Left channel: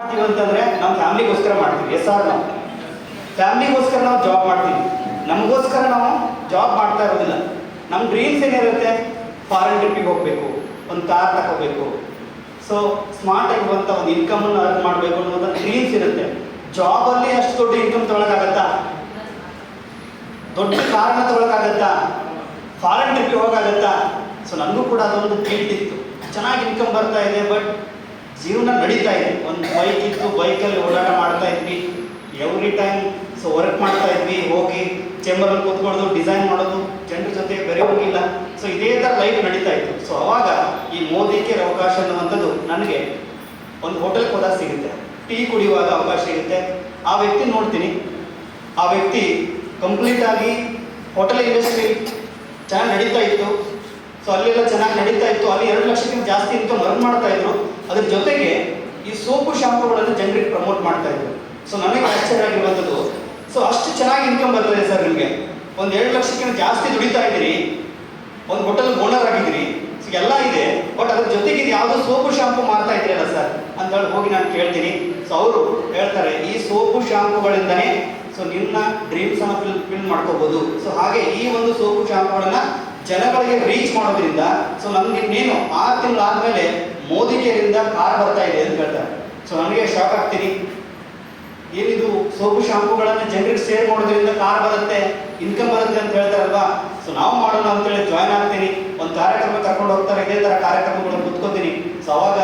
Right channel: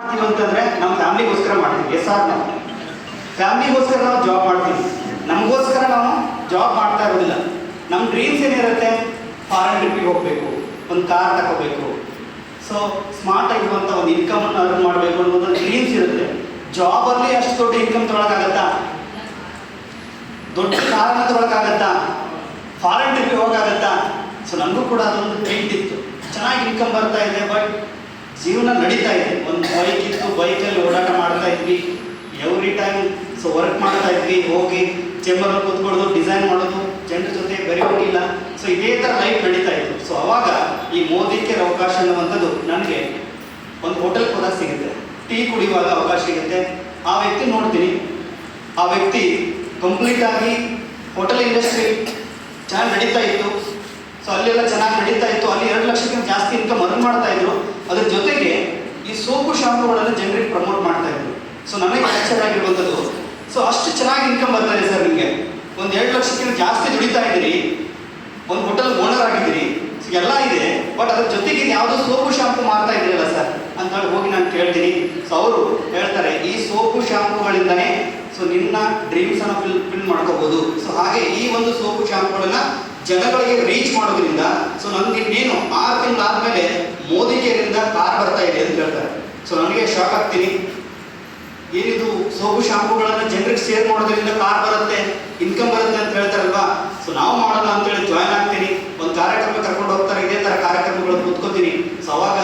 ಮಾಡ್ತೀವಿ ಅಂತಂದ್ರೆ ನಮ್ಮ ಫ್ಯಾಮಿಲಿಗೋಸ್ಕರ ಮಾಡ್ತೀವಿ. ಎಸ್ ಆರ್ ನಾವು ಫ್ಯಾಮಿಲಿಗೋಸ್ಕರ ನಾವು ಜಾಬ್ ಮಾಡ್ತೀವಿ. ನಮಗೋಸ್ಕರ ನಾವು ಜಾಬ್ ಮಾಡ್ತಾ ಇರೋದಿಲ್ಲ. ನಮ್ಮ ಡ್ರೀಮ್ಸ್ ಏನಿರುತ್ತೆ, ಫಾರಿನ್ ಟ್ರಿಪ್ಪಿಗೆ ಹೋಗಬೇಕು, ಒಂದು ಕಾರ್ ತಗೋಬೇಕು, ಸೊ ಸ್ಮಾರ್ಟ್ ಆಗಿರುವಂಥ ಒಂದು ಇನ್ಕಮನ್ನು ಅರ್ನ್ ಮಾಡಬೇಕು ಅನ್ನೋದು ಡ್ರೀಮ್ಸ್ ಇರುತ್ತೆ. ಜಾಬಲ್ಲಿ ಅಷ್ಟು ದೊಡ್ಡ ಇನ್ಕಮ್ ತೊಗೊಳಕ್ಕಾಗತ್ತಾ? ದೊಡ್ಡ ಕಾರನ್ನು ತೊಗೊಳಕ್ಕಾಗತ್ತಾ? ಫಾರಿನ್ ಟ್ರಿಪ್ಪಿಗೆ ಹೋಗೋಕ್ಕಾಗತ್ತಾ? ಸೊ ನನಗೂ ಕೂಡ ಅದೊಂದು ಡ್ರೀಮ್ ಇತ್ತು. ಚೆನ್ನಾಗಿ ಇನ್ಕಮ್ ಬರ್ತಾ ಇದೆ, ಬಟ್ ಜೀವನ ನಡೀತಾ ಇದೆ. ಒಂದು ಬೈಕ್ ಇತ್ತು, ಬೈಕಲ್ಲಿ ಓಡಾಟ ಮಾಡ್ತಾ ಇದ್ವಿ ಎವ್ರಿ ಟೈಮ್. ಸೊ ವರ್ಕ್ ಮಾಡ್ತಾ ಇದ್ವಿ, ಹೋಗಿ ಚೇಂಬರಲ್ಲಿ ಕೂತ್ಕೊಳ್ಳೋದು, ಡಿಸೈನ್ ಮಾಡೋದು, ಜನರ ಜೊತೆ ಬೆರೆಯೋಗಿಲ್ಲ. ಸೊ ಇದೇ ಥರ ಲೈಫ್ ನಡೀತಾ ಇತ್ತು. ಸೊ ಅವಾಗ ಈ ಮೋದಿಗೆ ಅವಕಾಶ ಅನ್ನುವಂಥದ್ದು ನನಗೆ ಒಂದು ಹೋಟೆಲ್ಗೆ ಹೋದಾಗ ಸಿಗುತ್ತೆ, ಟೀ ಕುಡಿಯುವಾಗ ಅವಕಾಶ ಸಿಗುತ್ತೆ. ಆ ವ್ಯಕ್ತಿ ನೋಡ್ತೀನಿ, ಆ ವ್ಯಕ್ತಿ ಕಂಪ್ಲೀಟಾಗಿ ಹೋಟೆಲ್ ಇಂಡಸ್ಟ್ರಿ ಚೆನ್ನಾಗಿ ನಡೀತಾ ಇತ್ತು. ಸೊ ಅಲ್ಲೆಲ್ಲ ಚೆನ್ನಾಗಿ ನಡೀತಾ ಇತ್ತು. ಅಲ್ಲಿ 2 ಲಕ್ಷಕ್ಕಿಂತ ಜಾಸ್ತಿ ಇನ್ಕಮ್ ಅರ್ನ್ ಮಾಡ್ತಾ ಇದ್ರು. ಅದ್ರ ಜೊತೆಗೆ ಈ ಸೋಪು ಶಾಂಪುಗಳನ್ನು ಜನರಿಗೆ ಪ್ರಮೋಟ್ ಮಾಡ್ತಾ ಇದ್ರು. ಸೊ ನನಗೆ ಆಶ್ಚರ್ಯ ಆಗಿರುವಂಥದ್ದು, ಸೊ ಅಷ್ಟು ಚೆನ್ನಾಗಿ ಇನ್ಕಮ್ ಬರ್ತಾರೆ ಸರ್, ನಿಮಗೆ ಒಂದು 2 ಲಕ್ಷಕ್ಕಿಂತ ಜಾಸ್ತಿ ದುಡಿತಾ ಇದ್ದೀರಿ, ಒಂದು ಹೋಟೆಲ್ ಓನರ್ ಆಗಿದ್ದೀರಿ, ಸೊ ಎಲ್ಲ ಇದೆ, ಬಟ್ ಅದ್ರ ಜೊತೆಗೆ ಯಾವುದೋ ಸೋಪು ಶಾಂಪು ಮಾರ್ತಾ ಇದ್ದೀರಲ್ಲ ಸರ್ ಅಂತೇಳಿ ಹೋಗಿ ನಾನು ಕೇಳ್ತೀನಿ. ಸೊ ಅವರು ಹೇಳ್ತಾರೆ, ಈ ಸೋಪು ಶಾಂಪುಗಳಿಂದನೇ ಸೊ ನಿಮ್ಮ ಡ್ರೀಮ್ಸನ್ನು ಫಿಲ್ ಮಾಡ್ಕೋಬೋದು. ಸೊ ಹಾಗೆ ಈ ಒಂದು ಸೋಪು ಶಾಂಪುಗಳನ್ನು ಜನಗಳಿಗೆ ರೀಚ್ ಮಾಡೋದ್ರಿಂದ ಸೊ ನಮ್ಗೆ ಇನ್ನೇನು 6 ತಿಂಗಳಾದಮೇಲೆ ಮೋದಿ ಕೇರಿಂದ ಕಾರ್ ಬರ್ತಾ ಇದೆ ಅಂತ ಹೇಳ್ತಾರೆ. ಸೊ ನನಗೆ ಶಾಕ್ ಆಗ್ತೀನಿ, ಏನಿದು ಸೋಪು ಶಾಂಪುಗಳನ್ನು ಜನರಿಗೆ ಶೇರ್ ಮಾಡೋದ್ರಿಂದ ಕಾರ್ ಬರುತ್ತೆ, ಇನ್ಕಮ್ ಬರುತ್ತೆ ಅಂತ ಹೇಳ್ತಾರಲ್ವಾ. ಸೊ ನಾವು ಮಾಡೋಣ ಅಂತೇಳಿ ಜಾಯ್ನ್ ಆಗ್ತೀನಿ. ಒಂದು ಕಾರ್ಯಕ್ರಮ ಕರ್ಕೊಂಡು ಹೋಗ್ತಾರೆ, ಇದೇ ಥರ ಕಾರ್ಯಕ್ರಮಗಳು ಕೂತ್ಕೋತೀನಿ. ಸೊ ಅವಾಗ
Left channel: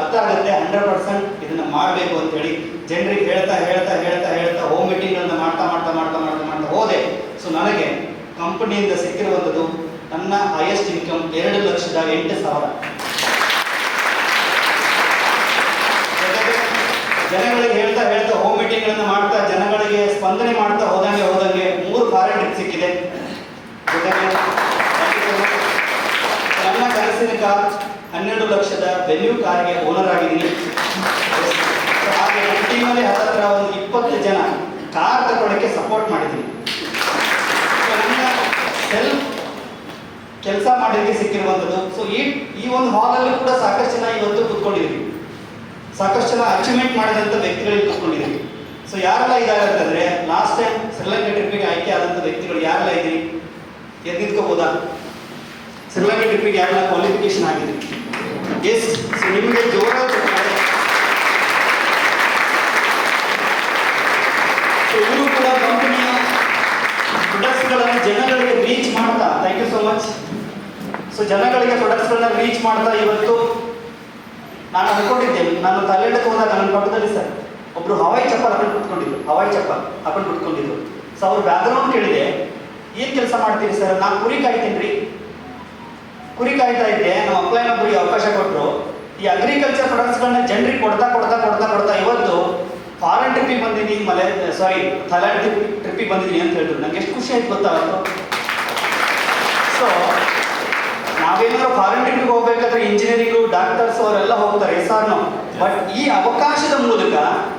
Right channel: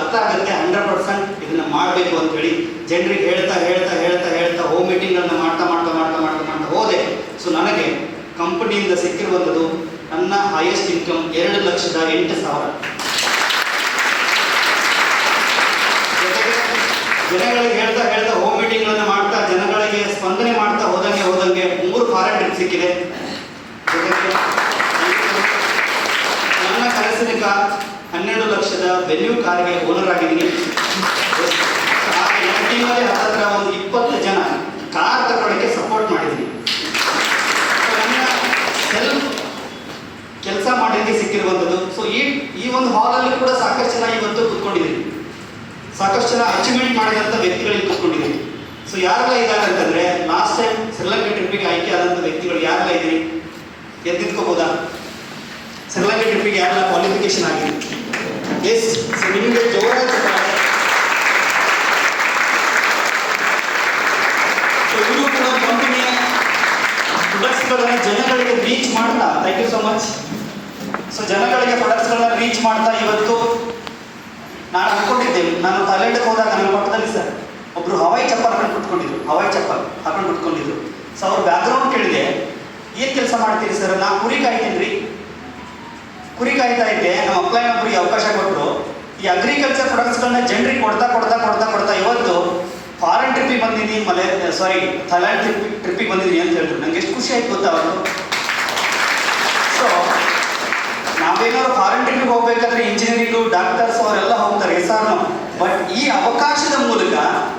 ಅರ್ಥ ಆಗುತ್ತೆ 100% ಇದನ್ನು ಮಾಡಬೇಕು ಅಂತೇಳಿ ಜನರಿಗೆ ಹೇಳ್ತಾ ಹೇಳ್ತಾ ಹೇಳ್ತಾ ಹೇಳ್ತಾ ಹೋಮ್ ಮೀಟಿಂಗ್ಗಳನ್ನ ಮಾಡ್ತಾ ಮಾಡ್ತಾ ಮಾಡ್ತಾ ಮಾಡ್ತಾ ಮಾಡ್ತಾ ಹೋದೆ. ಸೊ ನನಗೆ ಕಂಪನಿಯಿಂದ ಸಿಕ್ಕಿರುವಂಥದ್ದು ನನ್ನ ಹೈಯೆಸ್ಟ್ ಇನ್ಕಮ್ 2,08,000. ಜನಗಳಿಗೆ ಹೇಳ್ತಾ ಹೇಳ್ತಾ ಹೋಮ್ ಮೀಟಿಂಗ್ಗಳನ್ನು ಮಾಡ್ತಾ ಜನಗಳಿಗೆ ಸ್ಪಂದನೆ ಮಾಡ್ತಾ ಹೋದಂಗೆ 3 ಫಾರಿನ್ ಟ್ರಿಪ್ ಸಿಕ್ಕಿದೆ. ನನ್ನ ಕನಸಿನ ಕಾರ್ 12 ಲಕ್ಷದ ವೆನ್ಯೂ ಕಾರ್ಗೆ ಓನರ್ ಆಗಿದ್ದೀನಿ. ಹಾಗೆ ನನ್ನ ಟೀಮಲ್ಲಿ ಹತ್ತಿರ ಒಂದು 20 ಜನ ಕಾರ್ ತಗೊಳ್ಳೋಕ್ಕೆ ಸಪೋರ್ಟ್ ಮಾಡಿದ್ದೀನಿ. ನನ್ನ ಸೆಲ್ಫ್ ಕೆಲಸ ಮಾಡೋದಕ್ಕೆ ಸಿಕ್ಕಿರುವಂಥದ್ದು. ಸೊ ಈ ಒಂದು ಹಾಲಲ್ಲಿ ಕೂಡ ಸಾಕಷ್ಟು ಜನ ಇವತ್ತು ಕೂತ್ಕೊಂಡಿದ್ದೀವಿ, ಸಾಕಷ್ಟು ಜನ ಅಚೀವ್ಮೆಂಟ್ ಮಾಡಿದಂಥ ವ್ಯಕ್ತಿಗಳಿಗೆ ಕೂತ್ಕೊಂಡಿದ್ದೀವಿ. ಸೊ ಯಾರೆಲ್ಲ ಇದ್ದಾರೆ ಅಂತಂದರೆ, ಲಾಸ್ಟ್ ಟೈಮ್ ಶ್ರೀಲಂಕಾ ಟ್ರಿಪ್ಪಿಗೆ ಆಯ್ಕೆ ಆದಂಥ ವ್ಯಕ್ತಿಗಳು ಯಾರೆಲ್ಲ ಇದ್ದೀರಿ? ಎದ್ದಿದ್ಕೋಬೋದಾ? ಶ್ರೀಲಂಕಾ ಟ್ರಿಪ್ಪಿಗೆ ಯಾರೆಲ್ಲ ಕ್ವಾಲಿಫಿಕೇಶನ್ ಆಗಿದೆ? ಎಸ್. ಸೊ ನಿಮಗೆ ಜೋರಾಗಿ ಸೊ ಇವರು ಕೂಡ ಕಂಪನಿಯ ಪ್ರೊಡಕ್ಟ್ಸ್ಗಳನ್ನು ಜನಗಳಿಗೆ ರೀಚ್ ಮಾಡ್ತಾ, thank you so much. So ಜನಗಳಿಗೆ ಪ್ರೊಡಕ್ಟ್ಸ್ಗಳನ್ನ ರೀಚ್ ಮಾಡ್ತಾ ಇವತ್ತು ನಾನು ಅನ್ಕೊಂಡಿದ್ದೆ, ನಾನು ಥೈಲ್ಯಾಂಡ್ಗೆ ಹೋದಾಗ ನನ್ನ ಪಕ್ಕದಲ್ಲಿ ಸರ್ ಒಬ್ಬರು ಹವಾಯಿ ಚಪ್ಪಲ್ ಹಾಕೊಂಡು ಕುತ್ಕೊಂಡಿದ್ರು. ಸೊ ಅವ್ರ ಬ್ಯಾಕ್ಗ್ರೌಂಡ್ ಕೇಳಿದೆ, ಏನು ಕೆಲಸ ಮಾಡ್ತೀರಿ ಸರ್? ನಾನು ಕುರಿ ಕಾಯ್ತೀನಿ ರೀ, ಕುರಿ ಕಾಯ್ತಾ ಇದ್ದೆ. ನಮ್ಮ ಅಪ್ಲೈನೊಬ್ಬರಿಗೆ ಅವಕಾಶ ಕೊಟ್ಟರು. ಈ ಅಗ್ರಿಕಲ್ಚರ್ ಪ್ರೊಡಕ್ಟ್ಸ್ಗಳನ್ನ ಜನರಿಗೆ ಕೊಡ್ತಾ ಇವತ್ತು ಫಾರಿನ್ ಟ್ರಿಪ್ಪಿಗೆ ಬಂದಿದ್ದೀನಿ, ಥೈಲ್ಯಾಂಡ್ ಟ್ರಿಪ್ಪಿಗೆ ಬಂದಿದ್ದೀನಿ ಅಂತ ಹೇಳಿದ್ರು. ನಂಗೆ ಎಷ್ಟು ಖುಷಿ ಆಯ್ತು ಗೊತ್ತಾ ಅವತ್ತು. ಸೊ ನಾವೇನಾದ್ರು ಫಾರಿನ್ ಟ್ರಿಪ್ಪಿಗೆ ಹೋಗ್ಬೇಕಾದ್ರೆ ಇಂಜಿನಿಯರಿಂಗು, ಡಾಕ್ಟರ್ಸ್ ಅವರೆಲ್ಲ ಹೋಗ್ತಾರೆ, ಎಸ್ ಆರ್ ನೋ. ಬಟ್ ಈ ಅವಕಾಶದ ಮೂಲಕ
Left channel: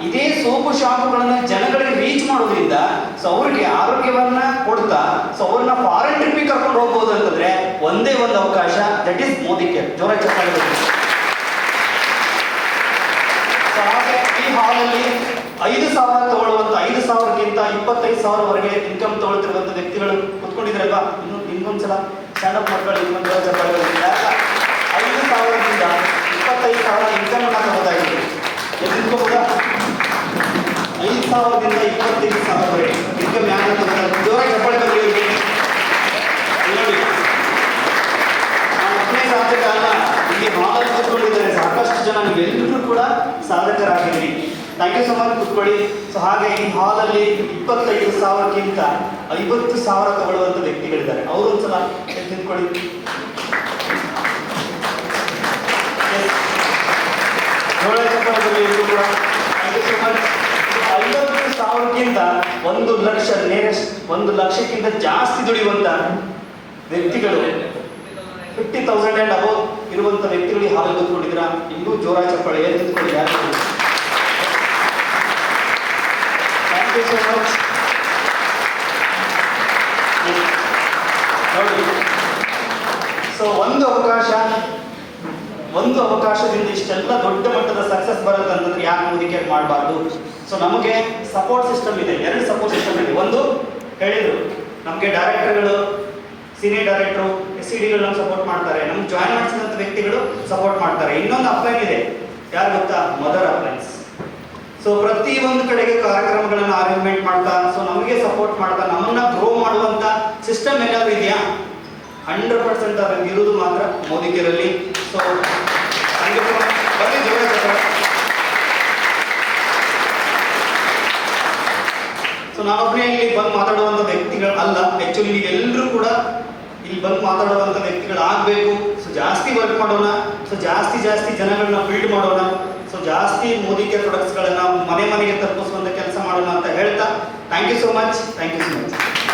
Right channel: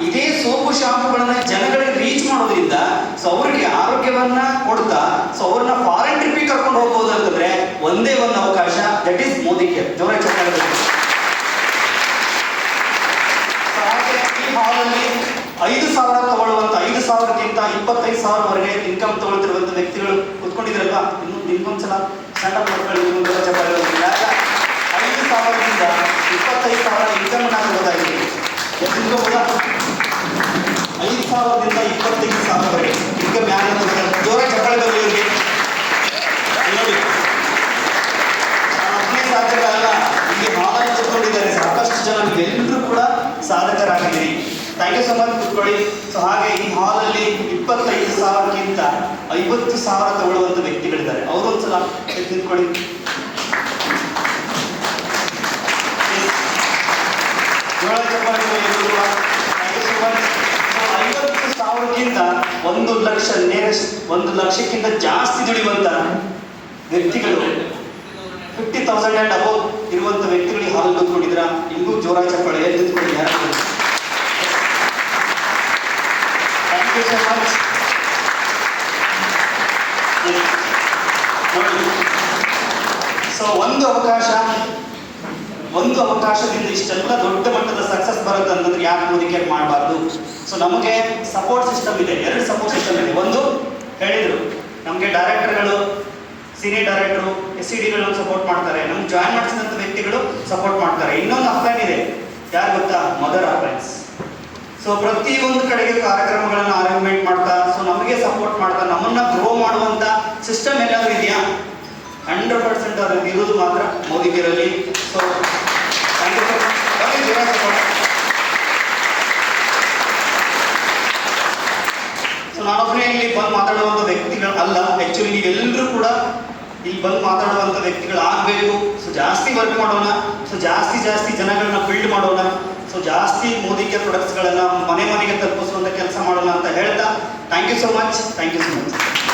ಇದೇ ಸೋಪು ಶಾಂಪುಗಳನ್ನ ಜನಗಳಿಗೆ ರೀಚ್ ಮಾಡೋದ್ರಿಂದ ಸೊ ಅವರಿಗೆ ಆರೋಗ್ಯವನ್ನ ಕೊಡ್ತಾ ಸೊ ಅವ್ರನ್ನ ಫಾರಿನ್ ಟ್ರಿಪ್ಪಿಗೆ ಕರ್ಕೊಂಡು ಹೋಗ್ಬೋದು ಅಂತಂದ್ರೆ ಒಂದೇ ಒಂದು ಅವಕಾಶ, ದಟ್ ಈಸ್ ಮೋದಿ ಕೇರ್. ಜೋರಾಗಿ ಚಪ್ಪಾಳೆ. ಹಾಗೆ ಈ ಹಾಲಲ್ಲಿ 5,000 ತಗೊಳ್ಳುವಂಥ 5,000ಕ್ಕಿಂತ 25,000ವರೆಗೆ ಇನ್ಕಮ್ ತಗೊಳ್ತಿರುವಂಥ ವ್ಯಕ್ತಿಗಳು ಕೂತ್ಕೊಂಡಿದ್ರಲ್ವಾ. ಇನ್ನೊಂದ್ಸಲ ಸ್ಟ್ಯಾಂಡಪ್ ಮಕ್ಕಳು ಇನ್ನೊಂದು ಚಪ್ಪಾಳೆ. 5,000ದಿಂದ 25,000 ಇನ್ಕಮ್ ಅನ್ನ ತಗೋದಾಗಿದೆ. ಎದ್ದಿದ್ಕೋಬೋದಾ? 5,000ದಿಂದ 25,000ವರೆಗೆ ಇನ್ಕಮ್ ಯಾರು ತಗೋತಾರೆ? ಜೋರಾಗಿ ಚಪ್ಪಾಳೆ ಬರಲಿ ಇವರಿಗೆ. ನೋಡಿ, ಒಬ್ಬನೇ ಸಾಧಕ ಅಲ್ಲ, ಇಲ್ಲಿ ಹಾಲಲ್ಲಿ ಕೂತ್ಕೊಂಡಿದ್ದಾರೆ ಸಾಕಷ್ಟು ಜನ, ನೀವೆಲ್ಲರೂ ಕೂಡ ಸಾಧಕರಾಗಿದ್ದೀರಿ. ಥ್ಯಾಂಕ್ ಯು ಸೊ ಮಚ್, ಕೂತ್ಕೊಳ್ಳಿ. ಸೊ ಹಾಗೆ ಈ ಹಾಲಲ್ಲಿ 25,000ಕ್ಕಿಂತ 50,000 ತಗೊಳ್ಳುವಂಥ ವ್ಯಕ್ತಿಗಳಿದ್ದಾರೆ. ಅವರು ಒಂದ್ಸಲ ನಿಂತ್ಕೊಳ್ಳಿ. ಜೋಳ ಚಪ್ಪಾಳೆ ಎಲ್ಲರೂ ಕೂಡ ಥ್ಯಾಂಕ್ ಯು ಸೊ ಮಚ್. 50,000ಕ್ಕಿಂತ 1 ಲಕ್ಷ, 1 ಲಕ್ಷಕ್ಕಿಂತ ಜಾಸ್ತಿ ದುಡಿಯುವಂಥ ವ್ಯಕ್ತಿಗಳು, 50,000 ಆ್ಯಂಡ್ ಅಬೌವ್ ಇರುವಂಥ ವ್ಯಕ್ತಿಗಳಿಗೆ ಹಾಲು ಕೂತ್ಕೊಂಡಿದ್ದೀರಾ. ಇನ್ನೂ ಜೋರ ಚಪ್ಪಾಳೆ ನಿಂತ್ಕೊಳ್ಳಿ. ಯಾರು? Thank you so much. ನೋಡಿ, ಸೊ ಒಂದು ಅವಕಾಶ ಒಂದು ಅವಕಾಶದಿಂದ ಇಷ್ಟೆಲ್ಲ ದೊಡ್ಡ ಮಟ್ಟದ ಸಕ್ಸಸ್ ಬರುತ್ತೆ ಅಂತಂದ್ರೆ ಯಾಕೆ ಮೋದಿ ಕೇರ್ ಮಾಡಬಾರ್ದು. ಸೊ ನಮಗೆ ಸಪೋರ್ಟ್ ಸಿಸ್ಟಮ್ ಇದೆ, 2 ಸಪೋರ್ಟ್ ಸಿಸ್ಟಮ್ ಇದೆ. ಒಂದು ಹೇಳಿದರು ನಮಗೆ ಡೈರೆಕ್ಟರ್ಗಳು, ಸೀನಿಯರ್ ಡೈರೆಕ್ಟರು, SCDಗಳು ನಮ್ಗೆ ಸಪೋರ್ಟ್ ಮಾಡ್ತಾರೆ, ನಮ್ಗೆ ಜಾಯ್ನ್ ಮಾಡಿಸಿದಂಥ ವ್ಯಕ್ತಿಗಳು ಸಪೋರ್ಟ್ ಮಾಡ್ತಾರೆ. ಇನ್ನೊಂದು ಅಪ್ಲೈನ್ ಇದೆ, ಯಾರು ಗೊತ್ತಾ? Mother appliances. ಸೊ ಪ್ರತಿಯೊಂದು ಕಡೆಗೆ ಕಾರ್ಯಕ್ರಮಗಳನ್ನು ಅರೇಂಜ್ಮೆಂಟ್ ಮಾಡ್ತಾ, ಸೊ ನಮಗೆ ಸಪೋರ್ಟ್ ಮಾಡ್ತಾ, ನಮ್ಮನ್ನ ಗ್ರೋ ಮಾಡುವಂಥ ಸಿಸ್ಟಮ್ ಎಲ್ಲಾದರೂ ಇದೆಯಾ? 100% ಅದರಲ್ಲಿ ಇರುವುದು ಮಾತ್ರ ಮೋದಿ ಕೇರಲ್ಲಿ. So thank you for so ನಾನೊಬ್ಬನೇ ಇಲ್ಲಿ ಬಂದು ಮಾತಾಡುವಂಥ ವ್ಯಕ್ತಿಗಳು ಅಲ್ಲ. ಆ್ಯಕ್ಚುಲಿ ನೀವೆಲ್ಲರೂ ಕೂಡ ಇಲ್ಲಿ ಬಂದು ಮಾತಾಡುವಂಥ ವ್ಯಕ್ತಿಗಳು ಆಗಬೇಕು. ಸೊ ಜಾಸ್ತಿ ವರ್ಕ್ ಮಾಡೋಣ, ಸೊ ಜಾಸ್ತಿ ಜನಗಳನ್ನ ಬಿಲ್ಡ್ ಮಾಡೋಣ, ಸೊ ಜಾಸ್ತಿ ಮೋದಿ ಕೇರ್ ಪ್ರಾಡಕ್ಟ್ಸ್ಗಳನ್ನು ಮನೆ ಮನೆಗೆ ತಲುಪಿಸುವಂಥ ಕೆಲಸ ಮಾಡೋಣ ಅಂತ ಹೇಳ್ತಾ ಥ್ಯಾಂಕ್ ಯು ಸೋ ಮಚ್.